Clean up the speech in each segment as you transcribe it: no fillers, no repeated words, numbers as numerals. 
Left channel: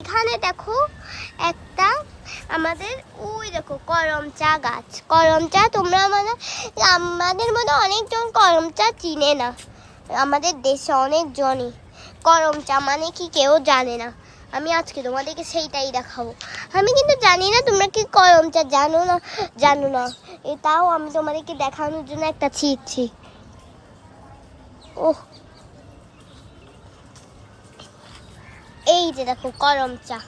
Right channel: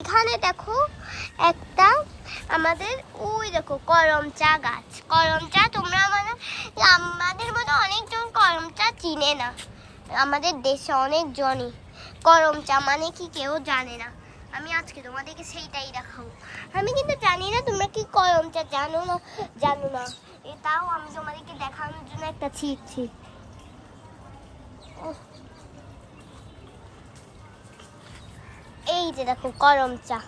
এখানে দেখো একটা আমাদের ওই দেখো করম চা গাছ। করম চা তোমরা আমাদের মধ্যে অনেকজন করম চা চিনে না। আমাদের দেশে অনেকজনই করম চা মানে কি কেউ জানে না। আমি আজকে তোমাদেরকে সেইটাই দেখাবো। আমি কিন্তু জানি না তোমরা কি করম চা জানো না এটাও আমি তোমাদেরকে দেখানোর জন্য একটা ছিঁড়ছি। ওহ, এই যে দেখো করম চা।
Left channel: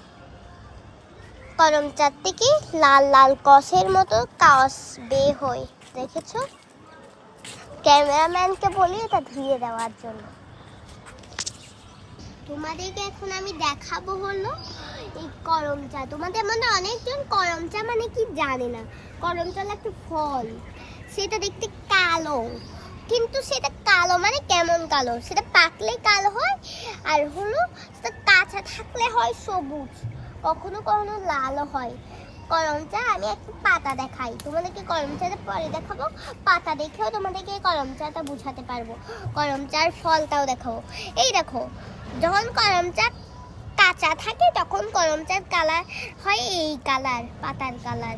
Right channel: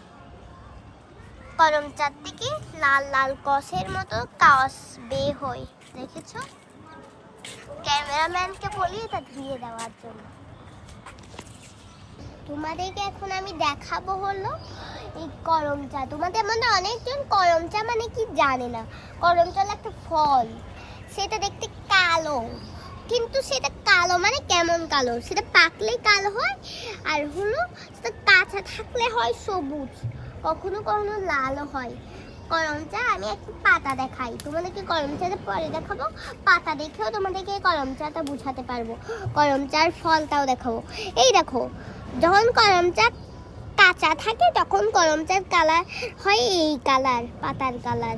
করম চার থেকে লাল লাল কষের মতো কাওয়াস বের হয়, দেখেছো? ক্যামেরাম্যানকে বলি এটা ধুয়ে দেওয়ার জন্য। তোমাদেরকে এখন আমি দেখাবো হলো এই করম চা। তোমাদের মধ্যে অনেকজন করম চা মানে কি জানে না। করম চা একটা ফল, সেটা দেখতে কালো, কিন্তু সেটা কালো মানে কেমন কালো, সেটা পাকলে কালো হয়, আর হলো সেটা কাঁচা থাকলে হয় সবুজ, কখনো কখনো লালও হয়। করম চা আমি একটা পাতা দেখাই তোমাদেরকে, করম চাটা পরে দেখাবো। পাতা দেখেও তোমাদেরকে করম চাটা বুঝাতে পারবো। করম চার ফলটাও দেখাবো। এই দেখো, যখন করম চা কাঁচা থাকে তখন করম চার কালার হয় এই কালার, পাতার কালার।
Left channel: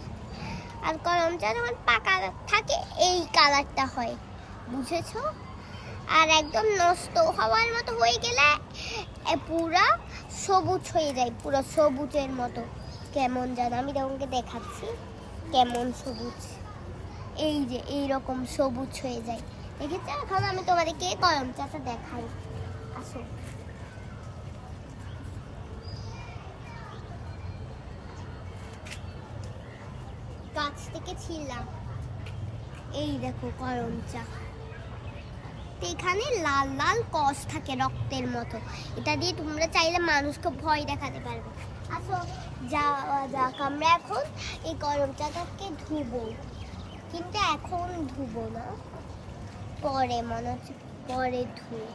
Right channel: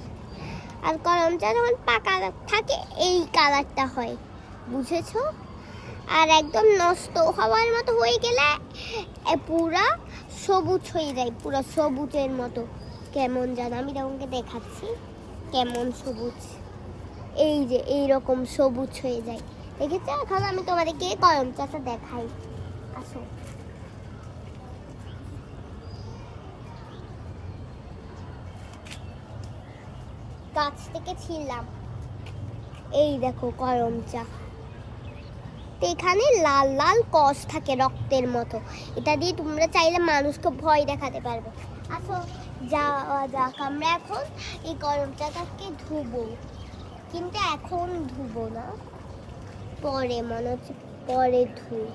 আর করম চা যখন পাকা থাকে এই কালারটা হয়, বুঝেছো? আর একদম নষ্ট হওয়ার মতো হয়ে গেলে পুরা সবুজ হয়ে যায়, পুরো সবুজের মতো। কেমন জানো, আমি তোমাকে দেখাচ্ছি কেমন সবুজ। এই যে এইরকম সবুজ হয়ে যায়, দেখেছো? এখন আমি তোমাদেরকে করম চাটা দেখাই, আসো। গাছ থেকে ছিলাম, এই দেখো করম চা। এখানে লাল লাল কষ থাকে রক্তের মতো, এটা দিয়ে তোমরা চাইলে মানুষকে ভয় দেখাতে পারবে। আসো যাওয়া যাক, আমরা এখন এই করম চাটাকে ধুবো, কিন্তু এখন ধুবো না, পরে মনে হচ্ছে পরে ধুই।